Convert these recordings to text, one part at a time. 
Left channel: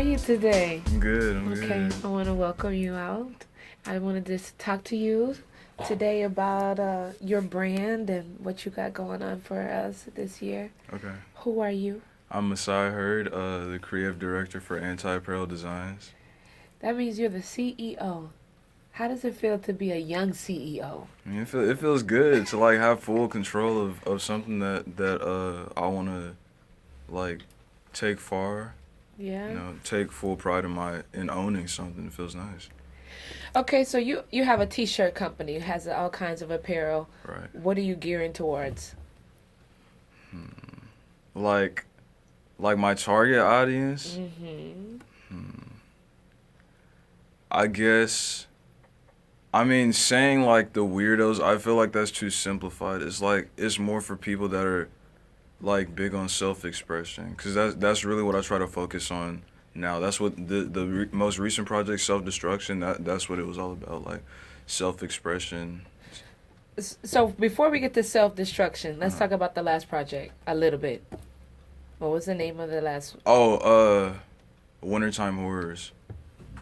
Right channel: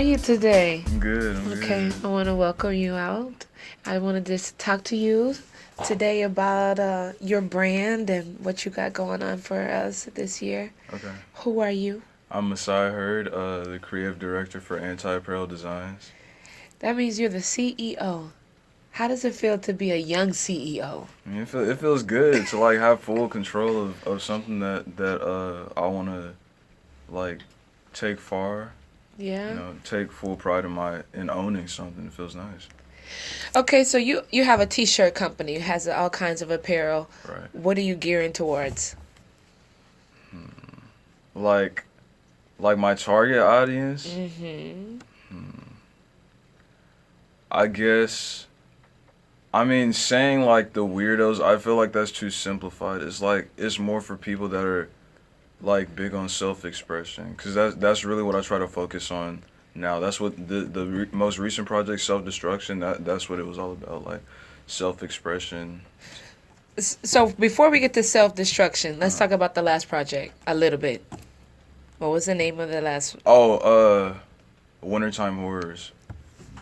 are you today? I'm good. Okay, Good. I want to welcome you out. I wanted to just talk to you today about your brand and what you got going on for us this year. Okay. Who are you? I'm Masai the creative director for Apparel Designs. That means you're the CEO. How does it feel to be a young CEO? I mean, it feels good to like have full control of something that I want to like take far. Yeah. Take full pride in owning something. It feels nice. Okay, so you have a t-shirt company. It has all kinds of apparel. Right. What are you gearing towards? Like my target audience. Mm-hmm. I guess. I mean, saying like the weirdos, I feel like that's too simplified. It's more for people that are like big on self-expression, because that's really what I try to focus on now. That's what the most recent project, Selfdestruction, that's what it was all about, like self-expression. So before we get to self-destruction, let's Uh-huh. talk about the last project a little bit. What was the name of the last? Oh, Wintertime Horrors.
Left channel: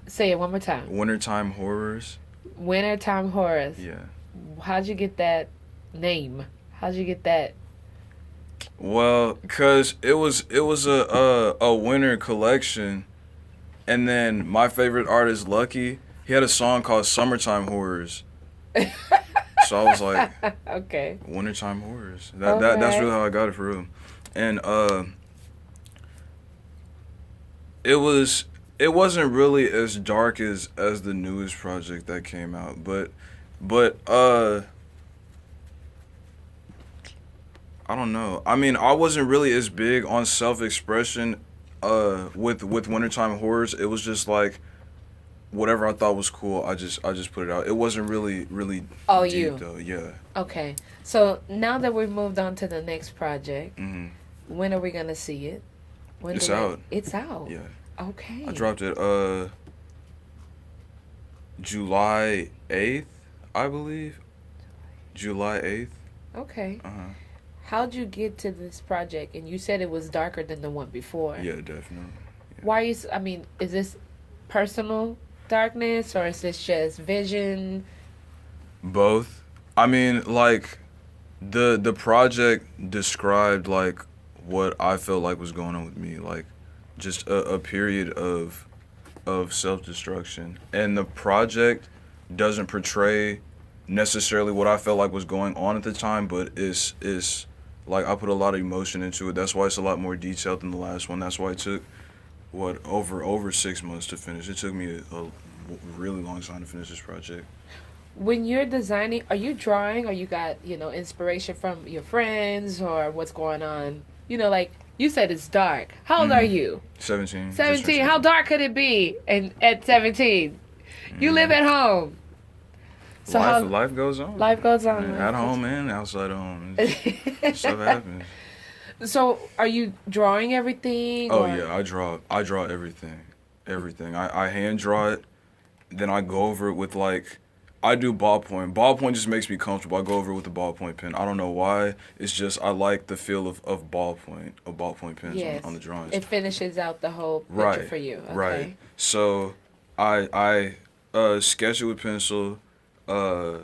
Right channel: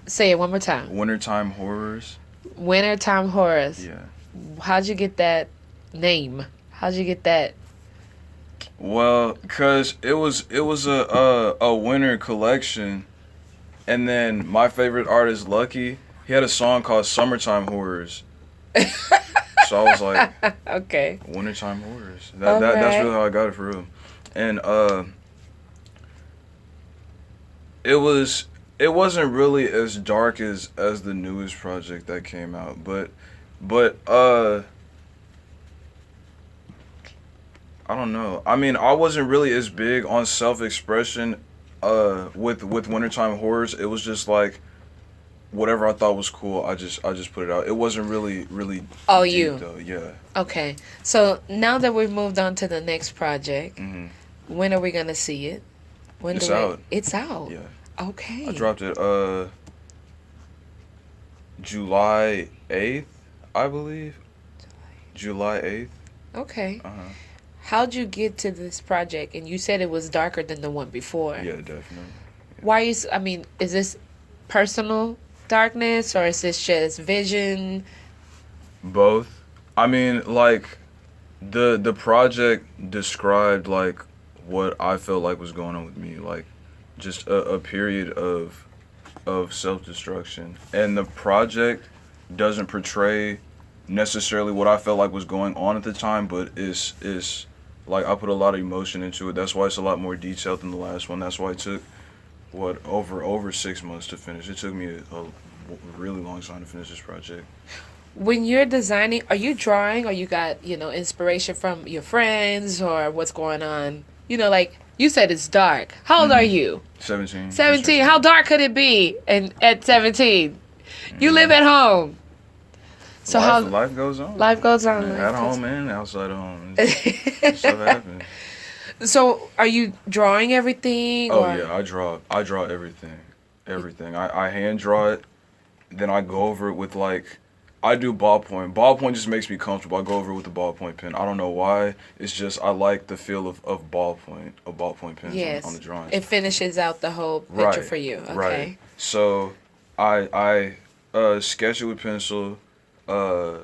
Say it one more time. Wintertime Horrors. Wintertime Horrors. Yeah. How'd you get that name? How'd you get that? Well, cause it was a winter collection, and then my favorite artist, Lucky, he had a song called Summertime Horrors. So I was like, Okay. Wintertime Horrors. That's Okay. really how I got it for real. And it wasn't really as dark as the newest project that came out, but I don't know. I mean, I wasn't really as big on self-expression with Wintertime Horrors. It was just like whatever I thought was cool, I just put it out. It wasn't really Oh, deep you. though. Yeah. Okay. So now that we've moved on to the next project, Hmm. when are we gonna see it? When It's do we? out. It's out. Yeah. Okay. I dropped it July 8th, I believe. July 8th. Okay. Uh-huh. How'd you get to this project? And you said it was darker than the one before. Yeah, definitely. Why is? I mean, is this personal darkness or is this just vision? Both. I mean, like the project described like what I felt like was going on with me, like just a period of self-destruction. And the project doesn't portray necessarily what I felt like was going on at the time, but is like I put a lot of emotion into it. That's why it's a lot more detailed than the last one. That's why it took what over 6 months to finish. It took me a really long time to finish this project. When you're designing, are you drawing or you got, inspiration from your friends or what's going on? Like you said it's dark. How old are Hmm. you? 17. 17. How dark could it be? And at 17, you live at home. So Life goes on. life goes on. At home and outside of home. Stuff happens. So are you drawing everything? Oh or? yeah, I draw everything. Everything. I hand draw it, then I go over it with like I do ballpoint. Ballpoint just makes me comfortable. I go over it with the ballpoint pen. I don't know why. It's just I like the feel of ballpoint pens Yes. on the drawings. It finishes out the whole picture for you. Okay. Right. So I sketch it with pencil, uh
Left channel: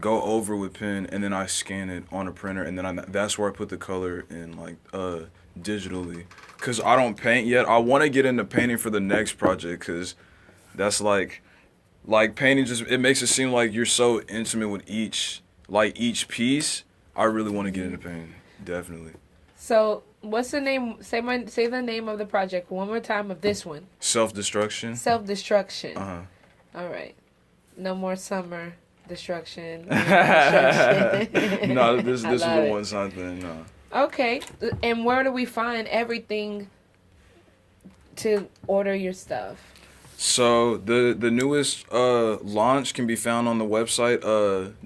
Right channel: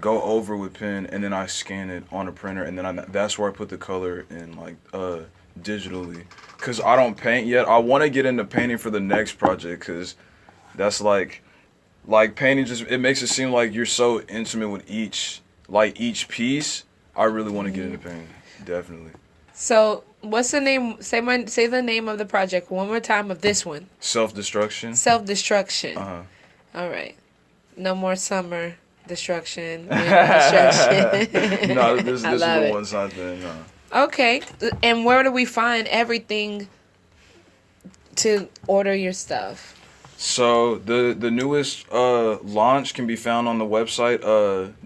go over with pen, and then I scan it on a printer, and then that's where I put the color in, like digitally, cause I don't paint yet. I want to get into painting for the next project, cause that's like painting just it makes it seem like you're so intimate with each piece. I really want to get into painting, definitely. So what's the name? Say the name of the project one more time of this one. Self-destruction. Self-destruction. Uh-huh. All right. No more summer destruction. Winter destruction. No, this I is love a it. one-time thing. No. Okay. And where do we find everything to order your stuff? So the newest launch can be found on the website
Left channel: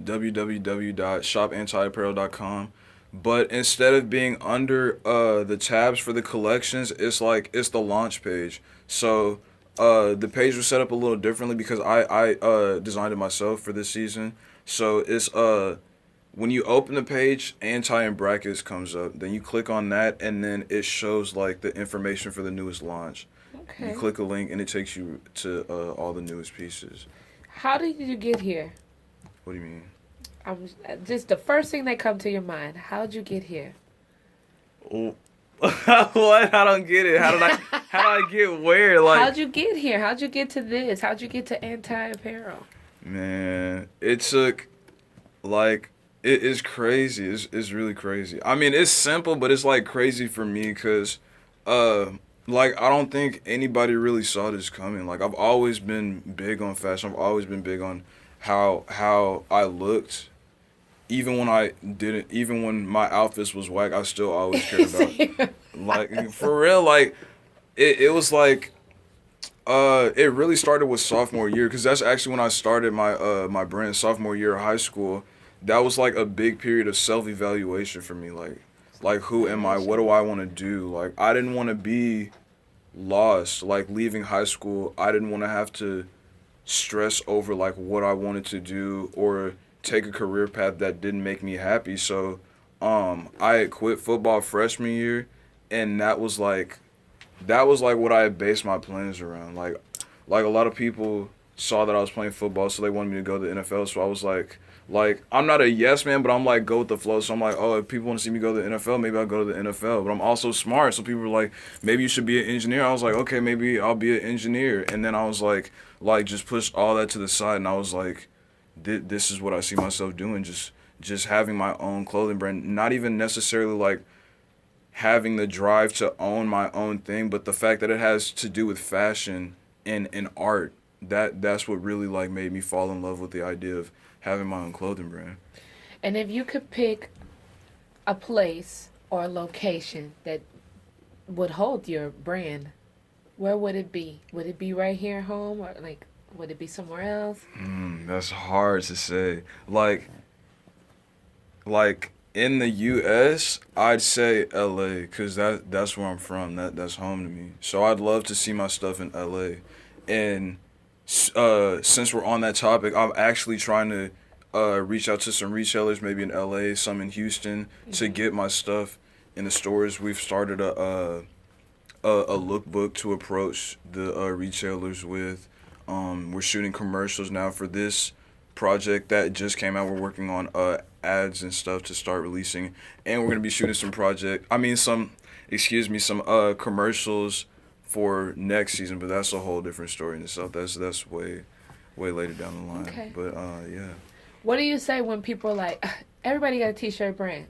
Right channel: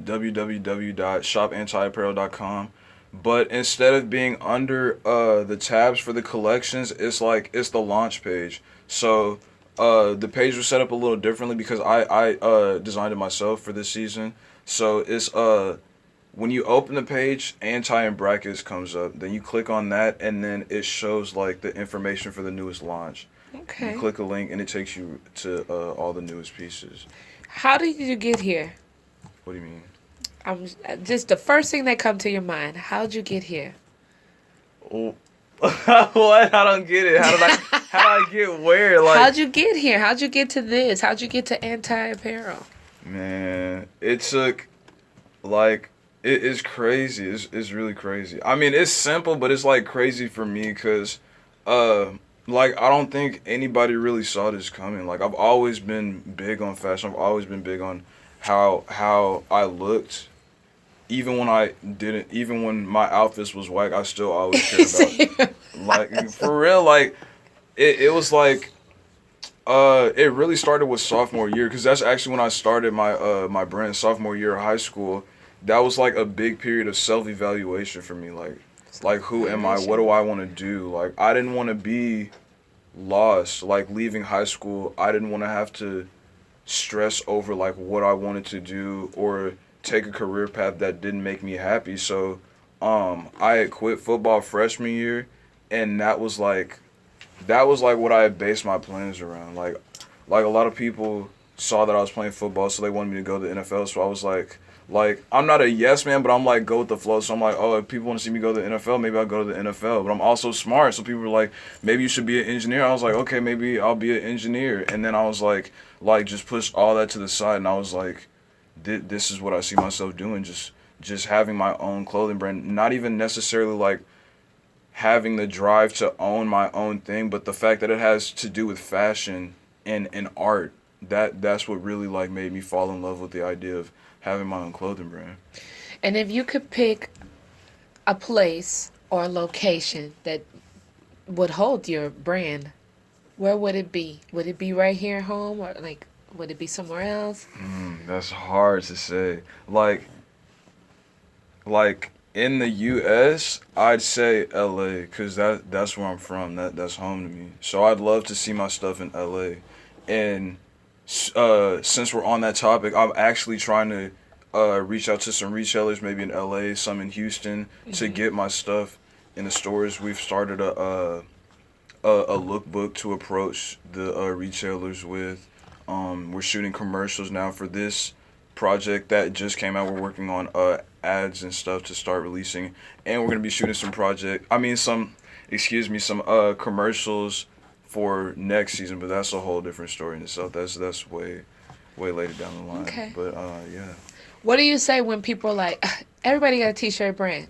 www.shopantiapparel.com. But instead of being under the tabs for the collections, it's the launch page. So the page was set up a little differently because I designed it myself for this season. So it's when you open the page, anti in brackets comes up. Then you click on that, and then it shows like the information for the newest launch. You Okay. click a link and it takes you to all the newest pieces. How did you get here? What do you mean? I'm just the first thing that come to your mind. How'd you get here? Oh, what? I don't get it. How did I get where? Like, How'd you get here? How'd you get to this? How'd you get to anti-apparel? man, it took like it is crazy. It's really crazy. I mean, it's simple, but it's like crazy for me because, uh, like I don't think anybody really saw this coming. Like I've always been big on fashion. I've always been big on how I looked. Even when I didn't, even when my outfits was whack, I still always cared about like for real. Like it was like it really started with sophomore year because that's actually when I started my brand. Sophomore year of high school, that was like a big period of self evaluation for me. Like who am I? What do I want to do? Like I didn't want to be lost. Like leaving high school, I didn't want to have to stress over like what I wanted to do or take a career path that didn't make me happy. So I had quit football freshman year, and that was like what I had based my plans around. Like a lot of people saw that I was playing football, so they wanted me to go to the NFL. So I was like I'm not a yes man, but I'm like go with the flow. So I'm like, oh, if people want to see me go to the NFL, maybe I'll go to the NFL. But I'm also smart, so people were like, maybe you should be an engineer. I was like, okay, maybe I'll be an engineer. And then I was like just push all that to the side, and I was like, this is what I see myself doing. Just having my own clothing brand, not even necessarily like having the drive to own my own thing, but the fact that it has to do with fashion and art, that's what really like made me fall in love with the idea of having my own clothing brand. And if you could pick a place or a location that would hold your brand, where would it be? Would it be right here at home or like would it be somewhere else? That's hard to say. Like in the U.S., I'd say L.A. because that's where I'm from. That's home to me. So I'd love to see my stuff in L.A. And since we're on that topic, I'm actually trying to reach out to some retailers, maybe in L.A., some in Houston, to get my stuff in the stores. We've started a lookbook to approach the retailers with. We're shooting commercials now for this project that just came out. We're working on ads and stuff to start releasing, and we're gonna be shooting some commercials for next season. But that's a whole different story in itself. That's way later down the line. Okay. But yeah. What do you say when people are like, everybody got a t-shirt brand?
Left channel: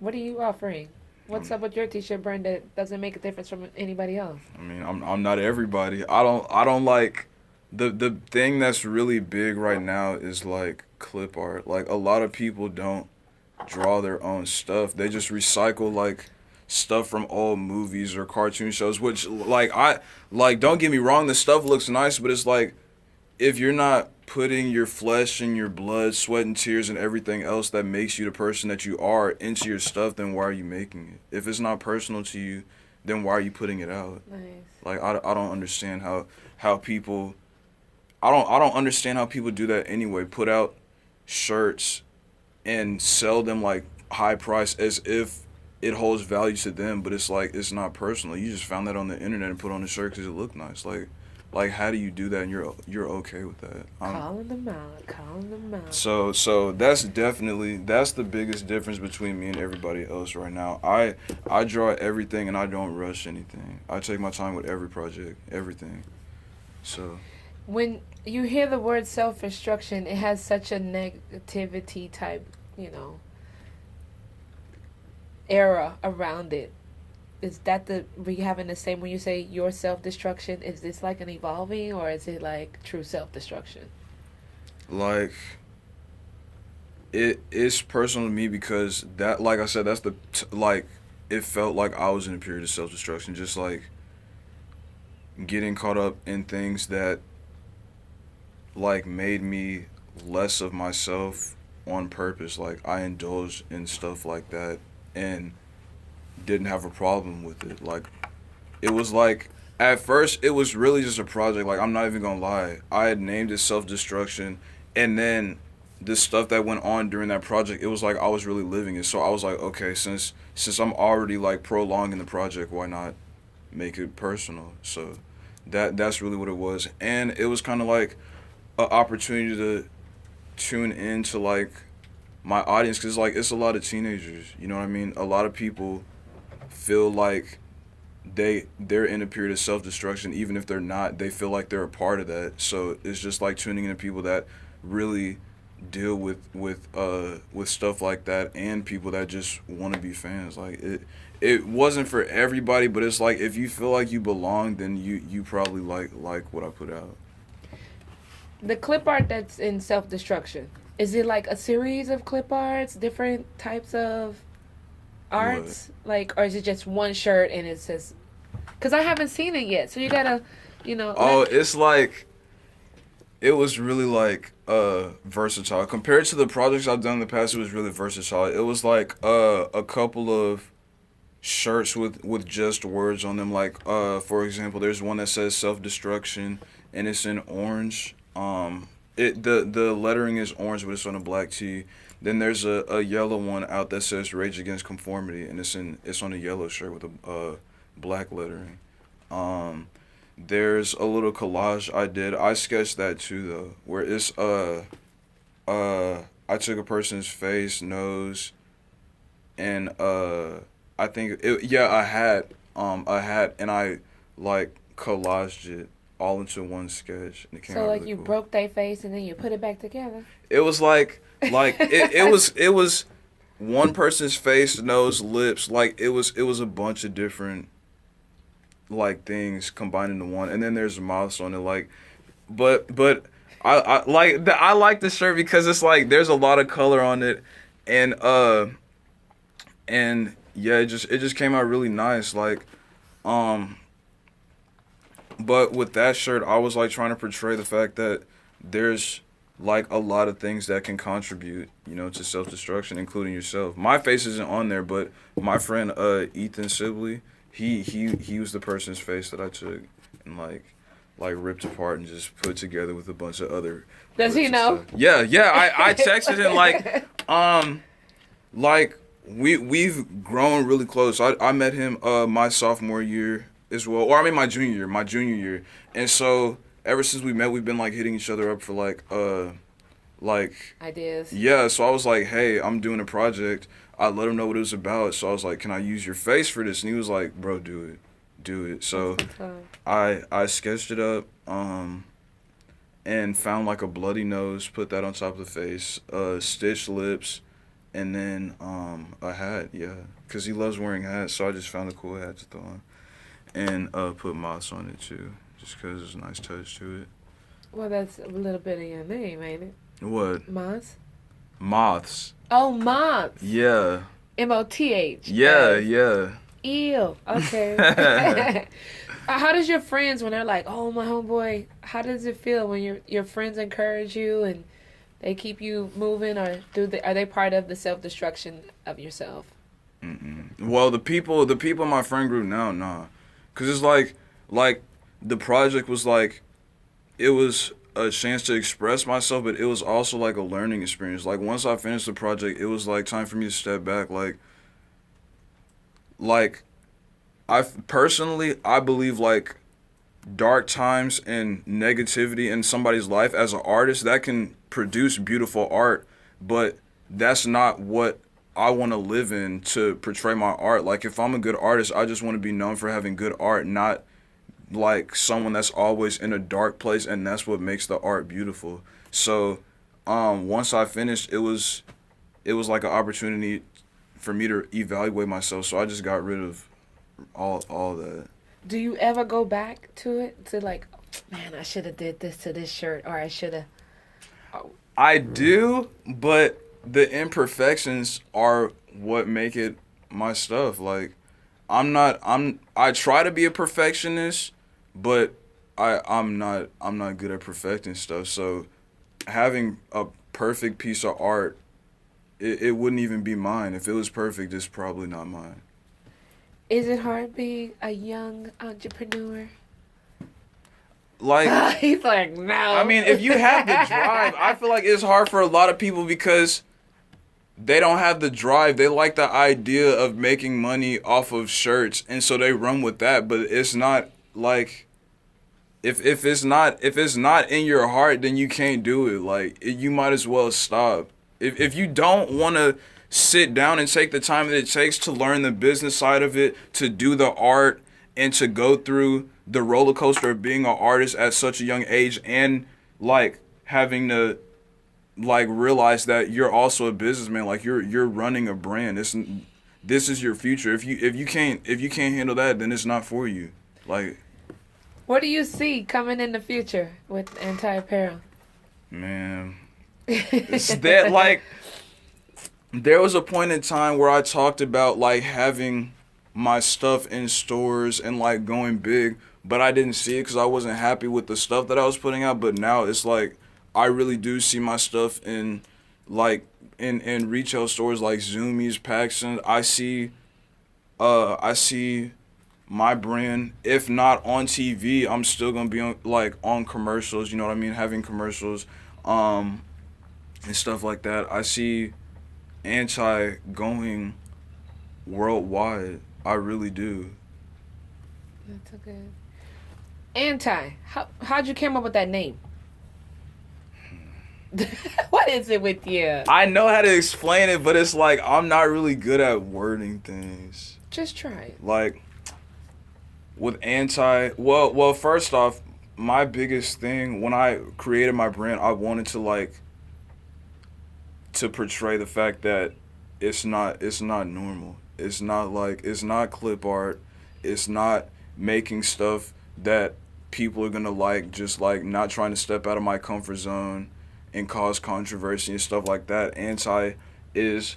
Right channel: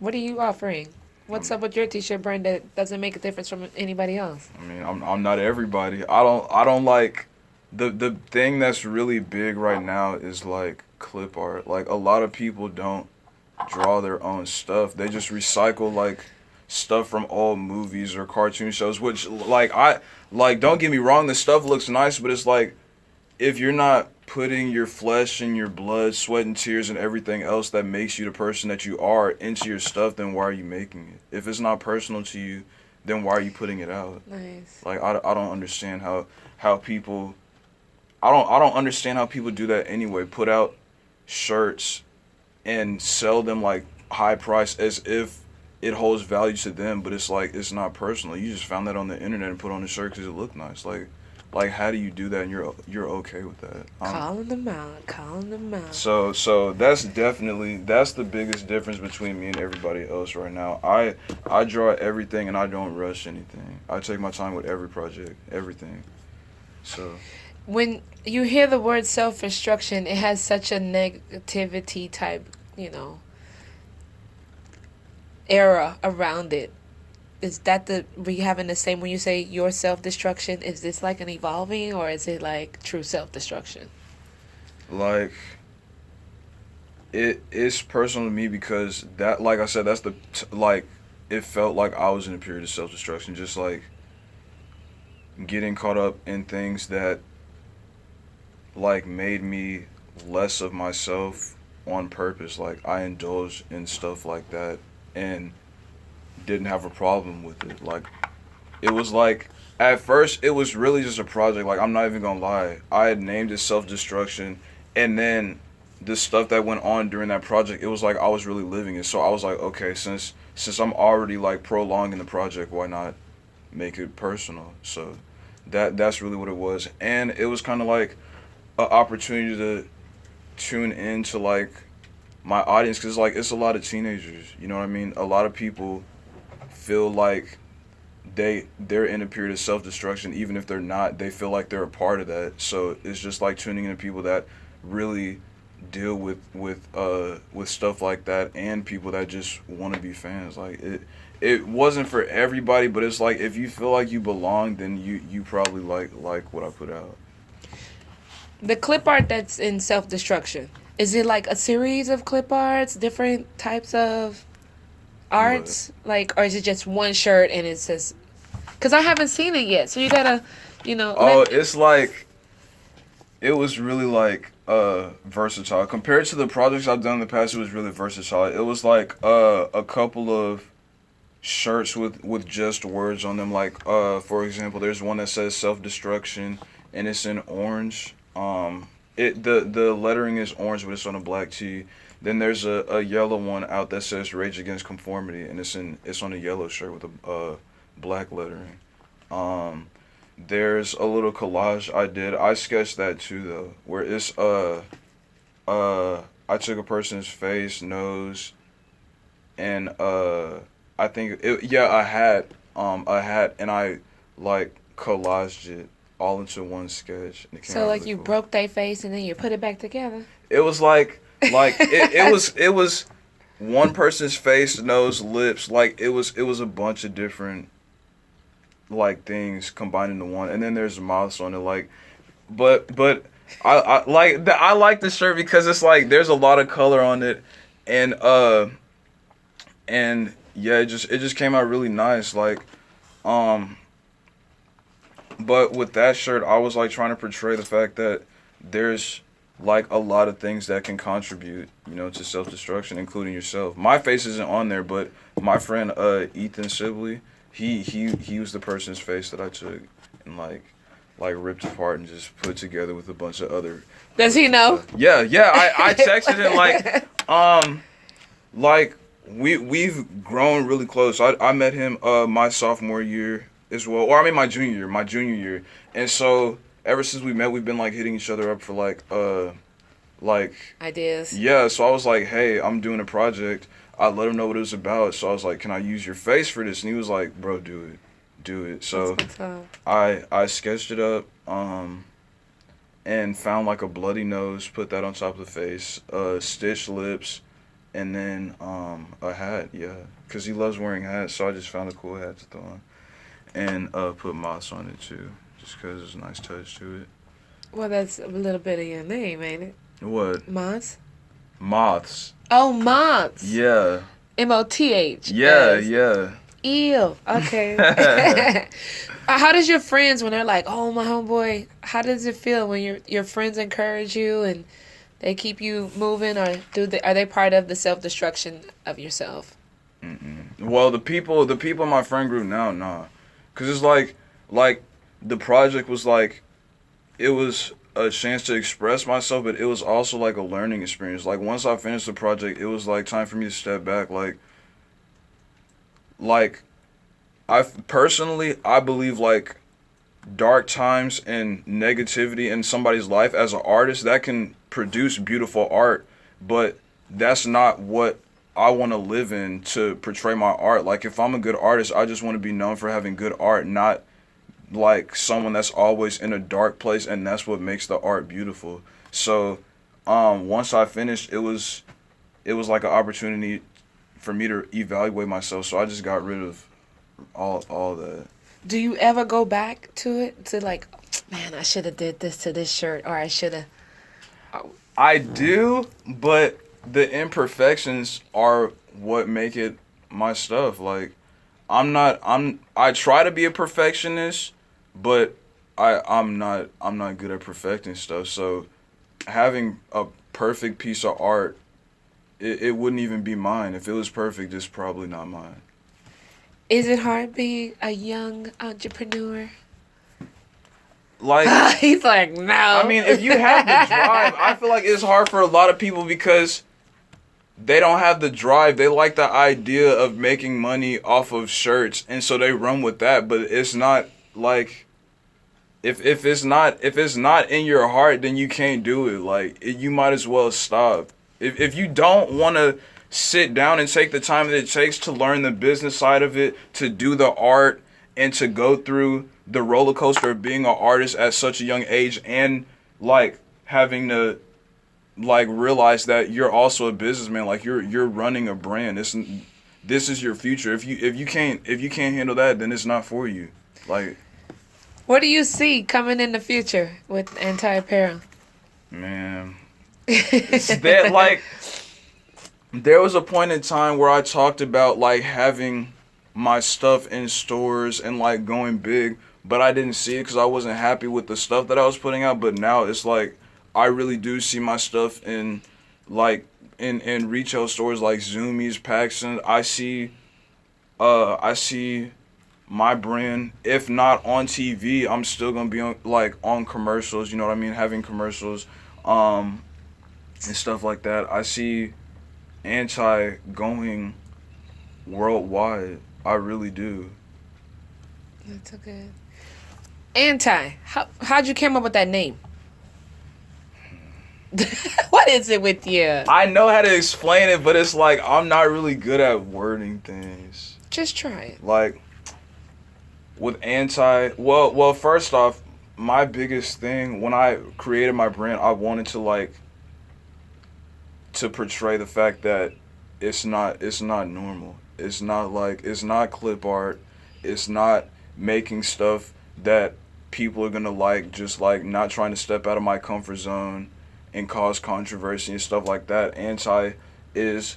What are you offering? What's up with your t-shirt brand that doesn't make a difference from anybody else? I mean, I'm not everybody. I don't like the thing that's really big right now is like clip art. Like a lot of people don't draw their own stuff. They just recycle like stuff from old movies or cartoon shows, which like don't get me wrong, the stuff looks nice, but it's like if you're not putting your flesh and your blood, sweat and tears and everything else that makes you the person that you are into your stuff, then why are you making it? If it's not personal to you, then why are you putting it out? Nice. Like I don't understand how people I don't understand how people do that anyway. Put out shirts and sell them like high price as if it holds value to them, but it's like it's not personal. You just found that on the internet and put on the shirt because it looked nice. Like how do you do that and you're okay with that? Calling them out. Calling them out. So that's the biggest difference between me and everybody else right now. I draw everything and I don't rush anything. I take my time with every project, everything. So When you hear the word self-destruction, it has such a negativity type, era around it. Is that we having the same when you say your self-destruction? Is this like an evolving or is it like true self-destruction? like it's personal to me because that like I said like it felt like I was in a period of self destruction, just like getting caught up in things that like made me less of myself on purpose. Like I indulged in stuff like that and didn't have a problem with it. Like it was like at first it was really just a project. Like I'm not even gonna lie, I had named it Self Destruction, and then the stuff that went on during that project, it was like I was really living it. So I was like, okay, since I'm already like prolonging the project, why not make it personal? So That's really what it was, and it was kind of like an opportunity to tune into like my audience, because like it's a lot of teenagers. You know what I mean? A lot of people feel like they're in a period of self destruction, even if they're not. They feel like they're a part of that. So it's just like tuning into people that really deal with stuff like that, and people that just want to be fans. Like it wasn't for everybody, but it's like if you feel like you belong, then you probably like what I put out. The clip art that's in Self Destruction, is it like a series of clip arts, different types of What? arts? Like, or is it just one shirt and it says. Because I haven't seen it yet. So you gotta, Oh, it's like it was really like versatile compared to the projects I've done in the past. It was really versatile. It was like a couple of shirts with just words on them. Like for example, there's one that says self destruction, and it's in orange. The lettering is orange, but it's on a black tee. Then there's a yellow one out that says Rage Against Conformity, and it's on a yellow shirt with a black lettering. Um, there's a little collage I did. I sketched that too though, where it's I took a person's face, nose, and I think a hat, and I like collaged it all into one sketch, and it came So out like really you cool. broke their face and then you put it back together. It was like it was one person's face, nose, lips. Like it was a bunch of different like things combined into one, and then there's mouths on it. Like, but I like the shirt because it's like there's a lot of color on it, and and yeah, it just came out really nice. Like, um, but with that shirt, I was like trying to portray the fact that there's like a lot of things that can contribute, to self destruction, including yourself. My face isn't on there, but my friend Ethan Sibley, he was the person's face that I took and like ripped apart and just put together with a bunch of other Does he clips and know? stuff. Yeah. I texted him like we've grown really close. I met him my sophomore year as well, or I mean my junior year, and so ever since we met, we've been like hitting each other up for like Ideas. yeah. So I was like, hey, I'm doing a project. I let him know what it was about. So I was like, can I use your face for this? And he was like, bro, do it. So I sketched it up and found like a bloody nose, put that on top of the face, stitched lips, and then a hat, yeah, because he loves wearing hats. So I just found a cool hat to throw on, and put moss on it too, just because it's a nice touch to it. Well, that's a little bit of your name, ain't it? What? Moths? Moths. Oh, moths. Yeah. Moths. Yeah. Ew. Okay. How does your friends, when they're like, "Oh, my homeboy," how does it feel when your friends encourage you and they keep you moving, or are they part of the self destruction of yourself? Mm-mm. Well, the people in my friend group now, nah, cause it's like the project was like it was a chance to express myself, but it was also like a learning experience. Like once I finished the project, it was like time for me to step back. Like I believe like dark times and negativity in somebody's life as an artist that can produce beautiful art, but that's not what I want to live in to portray my art. Like if I'm a good artist, I just want to be known for having good art, not like someone that's always in a dark place, and that's what makes the art beautiful. So once I finished, it was like an opportunity for me to evaluate myself. So I just got rid of all that. Do you ever go back to it to like, man, I should have did this to this shirt, or I should have. I do, but the imperfections are what make it my stuff. Like I try to be a perfectionist, but I'm not good at perfecting stuff. So having a perfect piece of art, it wouldn't even be mine. If it was perfect, it's probably not mine. Is it hard being a young entrepreneur? Like, He's like, no. I mean, if you have the drive, I feel like it's hard for a lot of people because they don't have the drive. They like the idea of making money off of shirts, and so they run with that. But it's not like if it's not in your heart, then you can't do it. Like you might as well stop. If you don't want to sit down and take the time that it takes to learn the business side of it, to do the art, and to go through the roller coaster of being an artist at such a young age, and like having to like realize that you're also a businessman, like you're running a brand. This is your future. If you can't handle that, then it's not for you. Like, What do you see coming in the future with anti-apparel? man, it's that like there was a point in time where I talked about like having my stuff in stores and like going big, but I didn't see it because I wasn't happy with the stuff that I was putting out. But now it's like I really do see my stuff in like in retail stores like Zoomies, Paxson. I see my brand, if not on TV, I'm still gonna be on like on commercials. You know what I mean? Having commercials, and stuff like that. I see anti going worldwide. I really do. That's so good. Anti. How'd you come up with that name? What is it with you? I know how to explain it, but it's like I'm not really good at wording things. Just try it. Like with anti, well, first off, my biggest thing when I created my brand, I wanted to like to portray the fact that it's not normal. It's not clip art. It's not making stuff that people are gonna like, just like not trying to step out of my comfort zone and cause controversy and stuff like that. Anti is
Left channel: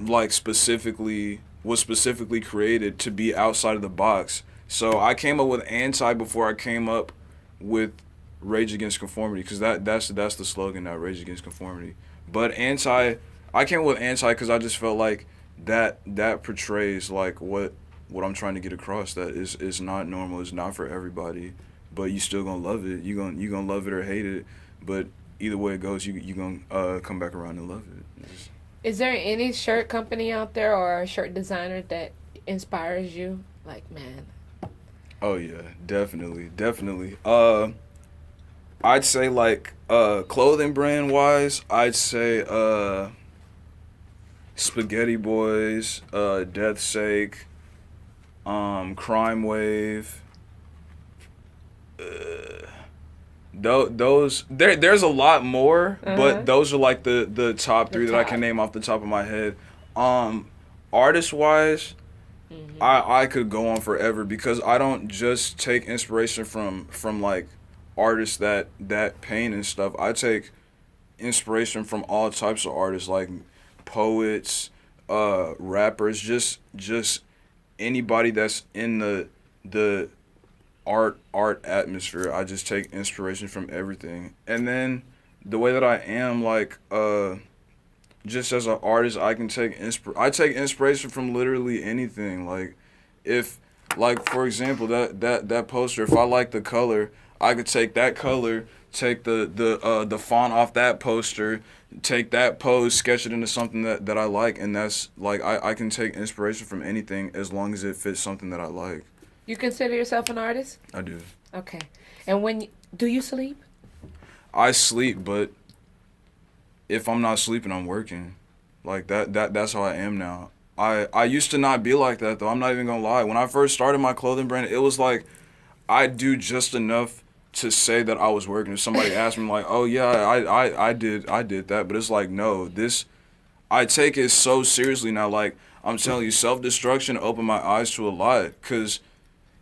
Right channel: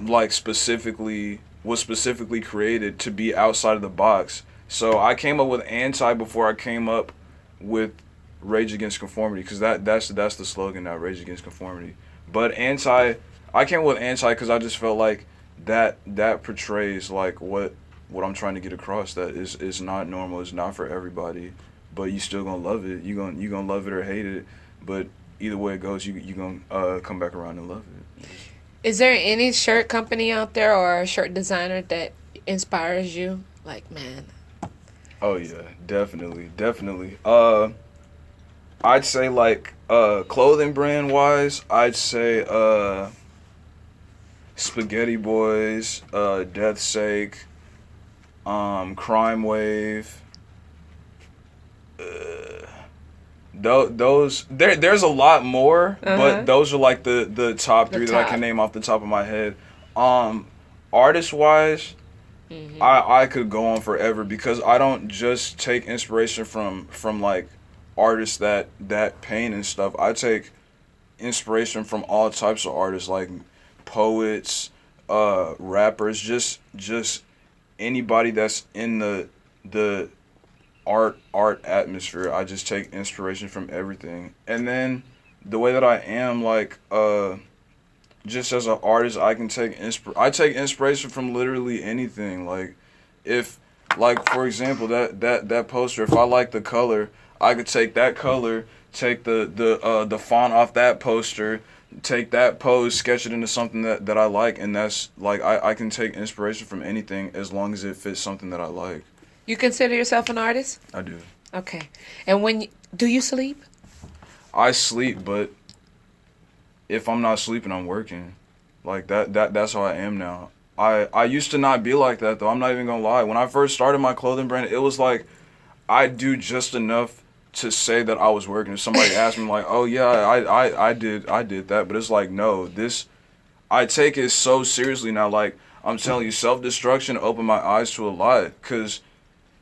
like was specifically created to be outside of the box. So I came up with anti before I came up with Rage Against Conformity, because that's the slogan now, Rage Against Conformity. But I came up with anti because I just felt like that portrays like what I'm trying to get across, that is not normal, it's not for everybody, but you still gonna love it. You gonna love it or hate it, but either way it goes, you gonna come back around and love it. Is there any shirt company out there or a shirt designer that inspires you? Like, man. Oh yeah, definitely. I'd say like clothing brand wise, I'd say Spaghetti Boys, Death's Sake, Crime Wave. Those there's a lot more, but those are like the top three that I can name off the top of my head. Artist wise, I could go on forever, because I don't just take inspiration from like artists that paint and stuff. I take inspiration from all types of artists, like poets, rappers, just anybody that's in the art atmosphere. I just take inspiration from everything. And then the way that I am, like just as an artist, I can take inspiration from literally anything. Like if, like for example, that poster, if I like the color, I could take that color, take the font off that poster, take that pose, sketch it into something that I like, and that's like I can take inspiration from anything as long as it fits something that I like. You consider yourself an artist? I do. Okay. And do you sleep? I sleep, but if I'm not sleeping, I'm working. Like that's how I am now. I used to not be like that though. I'm not even gonna lie. When I first started my clothing brand, it was like I do just enough to say that I was working. If somebody asked me like, "Oh yeah, I did that," but it's like, no, I take it so seriously now. Like I'm telling you, Selfdestruction opened my eyes to a lot, because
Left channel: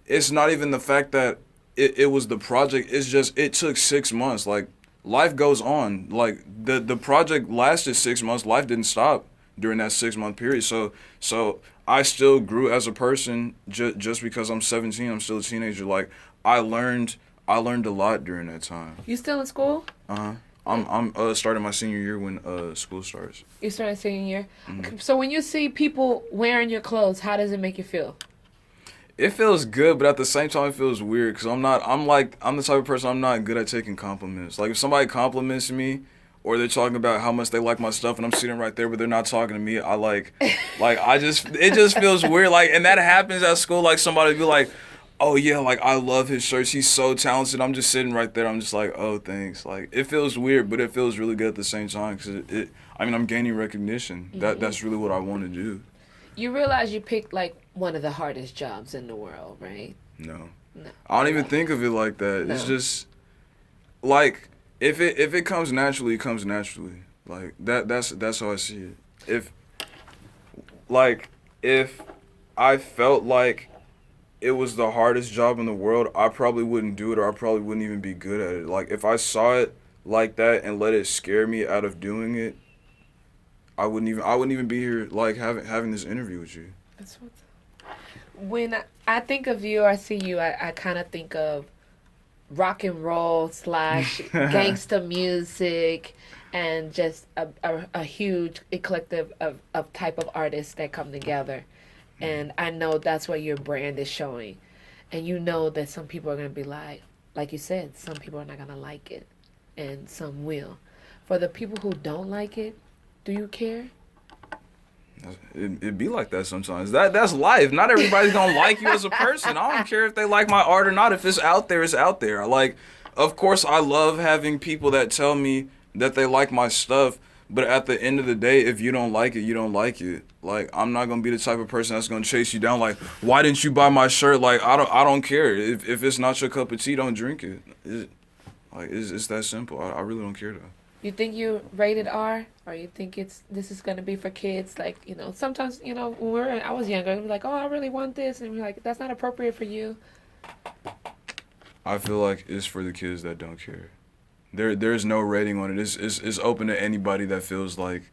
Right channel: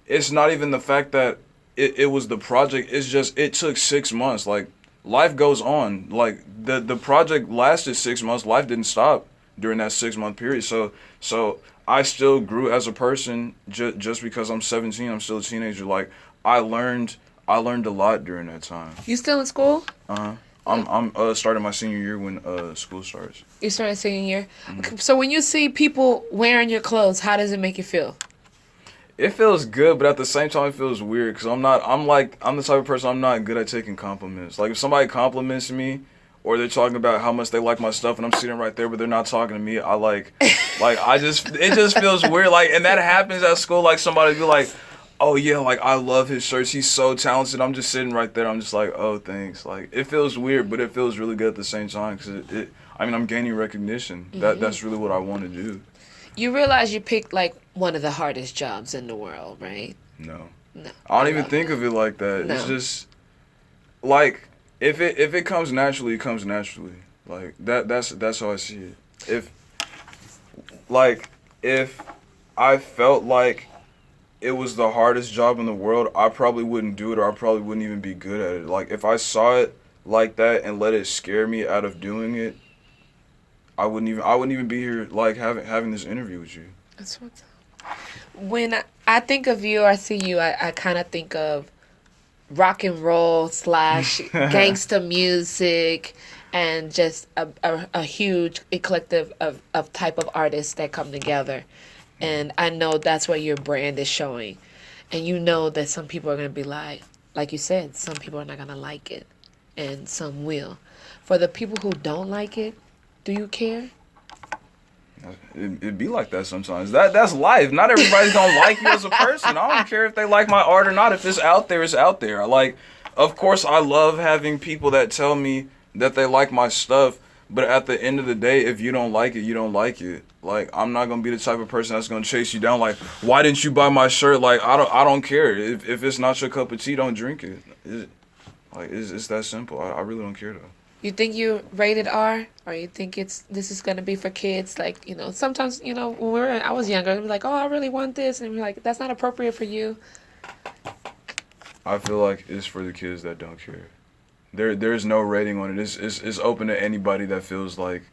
it's not even the fact that it was the project. It's just it took 6 months. Like life goes on. Like the project lasted 6 months. Life didn't stop during that 6 month period. So I still grew as a person. Just because I'm 17, I'm still a teenager. Like I learned a lot during that time. You still in school? I'm starting my senior year when school starts. You started senior year. Mm-hmm. So when you see people wearing your clothes, how does it make you feel? It feels good, but at the same time, it feels weird, because I'm the type of person, I'm not good at taking compliments. Like, if somebody compliments me, or they're talking about how much they like my stuff, and I'm sitting right there, but they're not talking to me, it just feels weird. Like, and that happens at school, like, somebody be like, Oh yeah, like I love his shirts. He's so talented. I'm just sitting right there. I'm just like, oh, thanks. Like it feels weird, but it feels really good at the same time because I mean, I'm gaining recognition. That's really what I want to do. You realize you picked like one of the hardest jobs in the world, right? No, No, I don't I even love think of it like that. It's no. just like if it comes naturally, it comes naturally. Like that's how I see it. If like if I felt like it was the hardest job in the world, I probably wouldn't do it, or I probably wouldn't even be good at it. Like if I saw it like that and let it scare me out of doing it, I wouldn't even be here like having this interview with you. That's what's when I think of you, I see you. I kind of think of rock and roll slash gangster music, and just a huge eclectic of type of artists that come together. And I know that's where your brand is showing. And you know that some people are going to be like you said, some people are not going to like it, and some will. For the people who don't like it, do you care? It'd be like that sometimes. That's life. Not everybody's gonna like you as a person. I don't care if they like my art or not. If it's out there, it's out there. Like, of course, I love having people that tell me that they like my stuff. But at the end of the day, if you don't like it, you don't like it. Like, I'm not gonna be the type of person that's gonna chase you down. Like, why didn't you buy my shirt? Like, I don't care. If it's not your cup of tea, don't drink it. It's that simple. I really don't care though. You think you rated R, or you think this is gonna be for kids? Like, sometimes when I was younger, we're like, oh, I really want this, and we're like, that's not appropriate for you. I feel like it's for the kids that don't care. There's no rating on it. It's open to anybody that feels like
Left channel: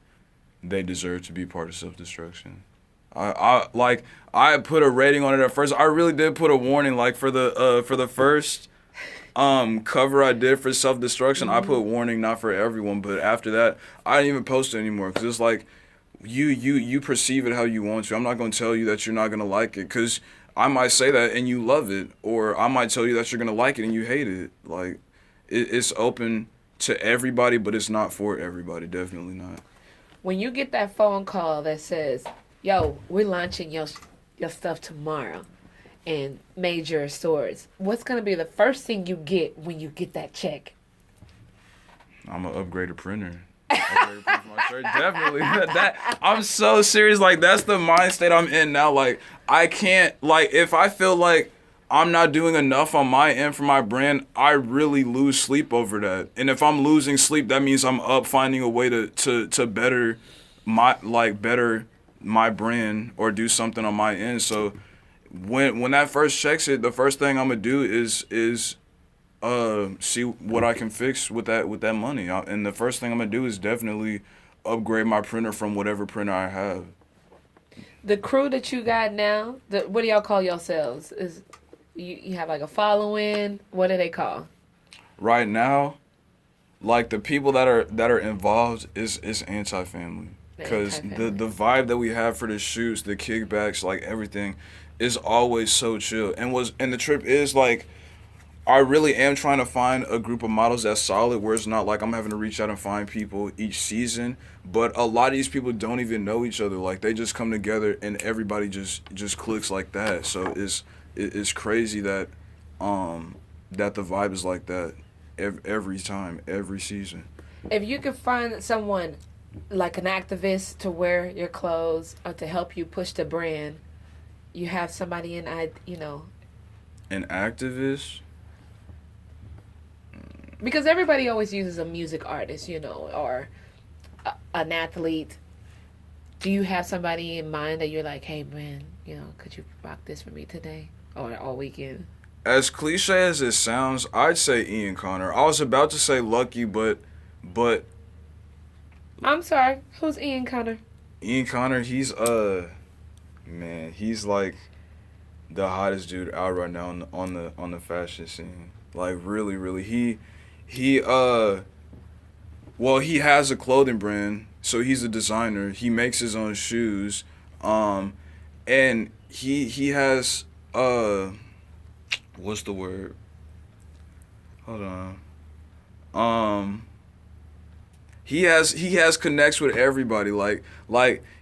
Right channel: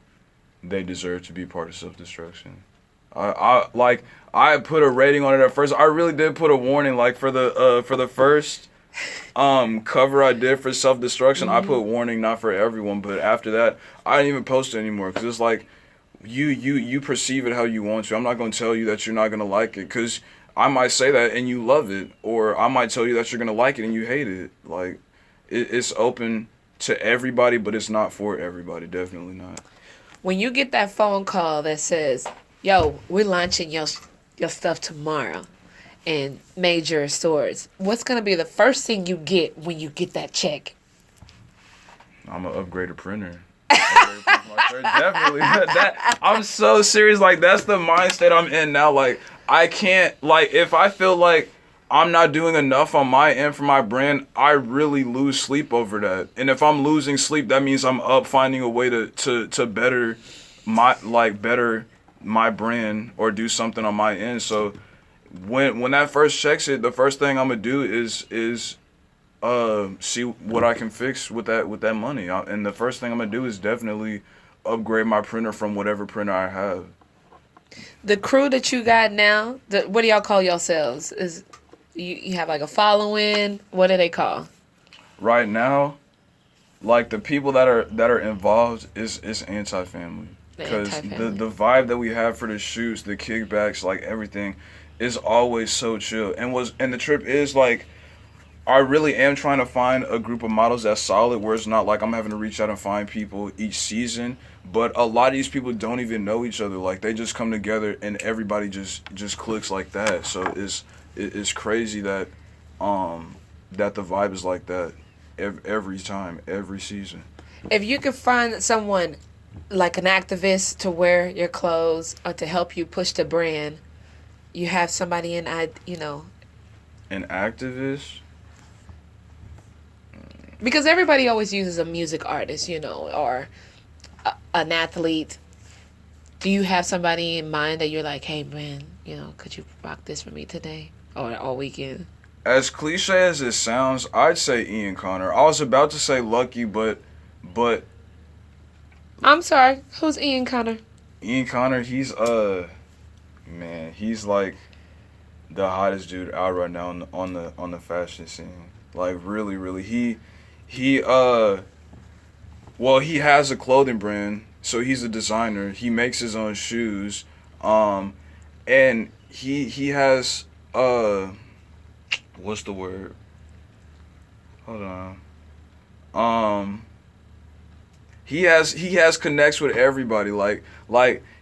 they deserve to be part of self-destruction. I put a rating on it at first. I really did put a warning, like for the first cover I did for self-destruction. I put warning, not for everyone, but after that I didn't even post it anymore because it's like you perceive it how you want to. I'm not going to tell you that you're not going to like it because I might say that and you love it, or I might tell you that you're going to like it and you hate it. Like it's open to everybody, but it's not for everybody. Definitely not. When you get that phone call that says, "Yo, we're launching your stuff tomorrow in major stores," what's gonna be the first thing you get when you get that check? I'm gonna upgrade a printer. Upgrade a printer for my shirt. Definitely. I'm so serious. Like that's the mindset I'm in now. Like I can't. Like if I feel like I'm not doing enough on my end for my brand, I really lose sleep over that. And if I'm losing sleep, that means I'm up finding a way to better better my brand or do something on my end. So when that first checks it, the first thing I'm gonna do is see what I can fix with that money. And the first thing I'm gonna do is definitely upgrade my printer from whatever printer I have. The crew that you got now, what do y'all call yourselves? Is you have like a following? What do they call? Right now, like the people that are involved is anti-family because the vibe that we have for the shoots, the kickbacks, like everything is always so chill. And the trip is like I really am trying to find a group of models that's solid where it's not like I'm having to reach out and find people each season. But a lot of these people don't even know each other. Like they just come together and everybody just clicks like that. So it's crazy that that the vibe is like that every time, every season. If you could find someone like an activist to wear your clothes or to help you push the brand, you have somebody An activist? because everybody always uses a music artist, or an athlete. Do you have somebody in mind that you're like, hey man, could you rock this for me today or all weekend? As cliche as it sounds, I'd say Ian Connor. I was about to say Lucky, but I'm sorry, who's Ian Connor? Ian Connor, he's man, he's like the hottest dude out right now on the fashion scene. Like really, really, he well, he has a clothing brand, so he's a designer. He makes his own shoes, and he has what's the word? Hold on. He has connects with everybody. Like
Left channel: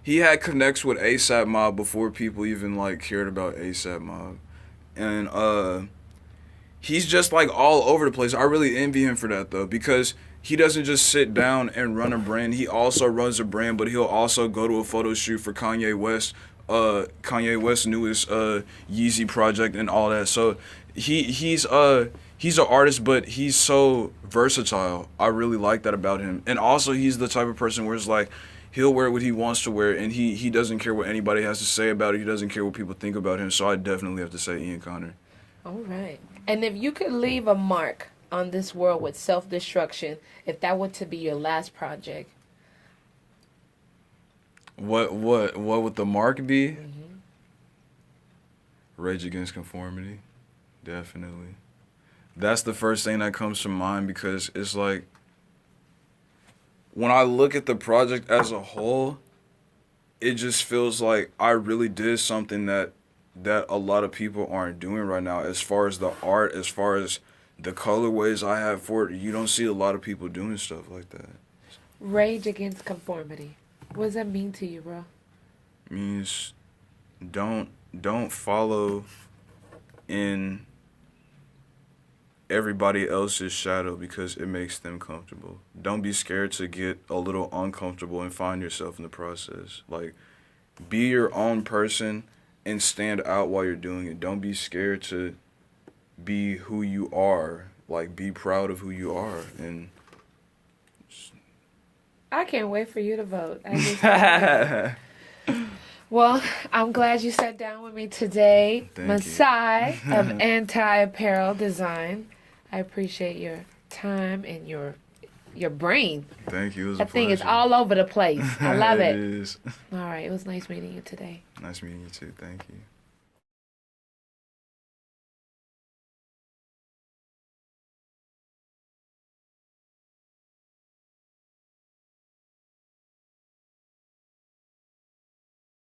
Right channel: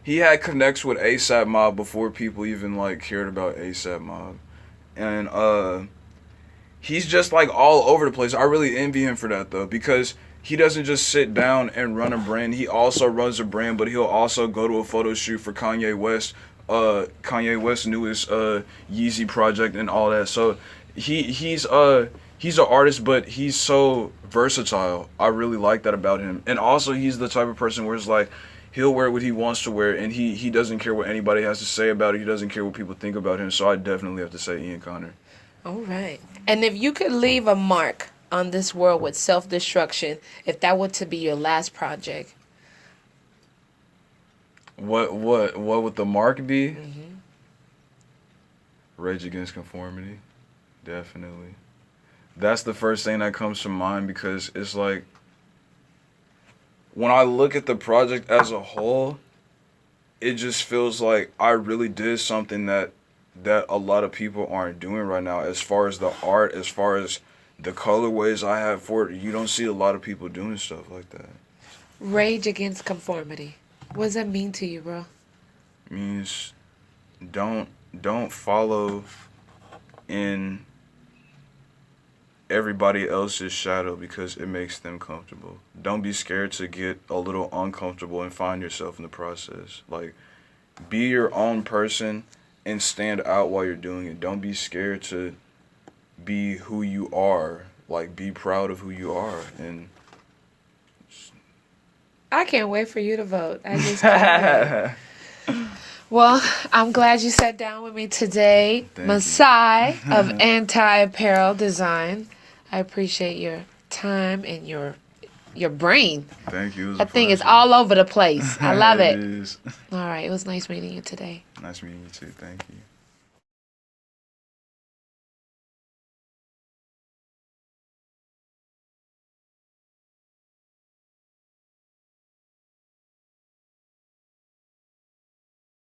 he had connects with ASAP Mob before people even like cared about ASAP Mob. and he's just like all over the place. I really envy him for that though, because he doesn't just sit down and run a brand. He also runs a brand, but he'll also go to a photo shoot for Kanye West. Kanye West's newest Yeezy project and all that. So he's an artist, but he's so versatile. I really like that about him. And also, he's the type of person where it's like he'll wear what he wants to wear, and he doesn't care what anybody has to say about it. He doesn't care what people think about him. So I definitely have to say Ian Connor. All right. And if you could leave a mark on this world with Self-Destruction, if that were to be your last project, What would the mark be? mm-hmm. Rage Against Conformity, definitely. That's the first thing that comes to mind, because it's like when I look at the project as a whole, it just feels like I really did something that a lot of people aren't doing right now. As far as the art, as far as the colorways I have for it, you don't see a lot of people doing stuff like that. Rage Against Conformity. What does that mean to you, bro? Means don't follow in everybody else's shadow because it makes them comfortable. Don't be scared to get a little uncomfortable and find yourself in the process. Like, be your own person and stand out while you're doing it. Don't be scared to be who you are. Like, be proud of who you are. And I can't wait for you to vote. I just can't wait. Well, I'm glad you sat down with me today, Thank Masai of Anti-Apparel Design. I appreciate your time and your brain. Thank you. It was That a thing is pleasure. all over the place. I love it. It is. All right, it was nice meeting you today. Nice meeting you too. Thank you.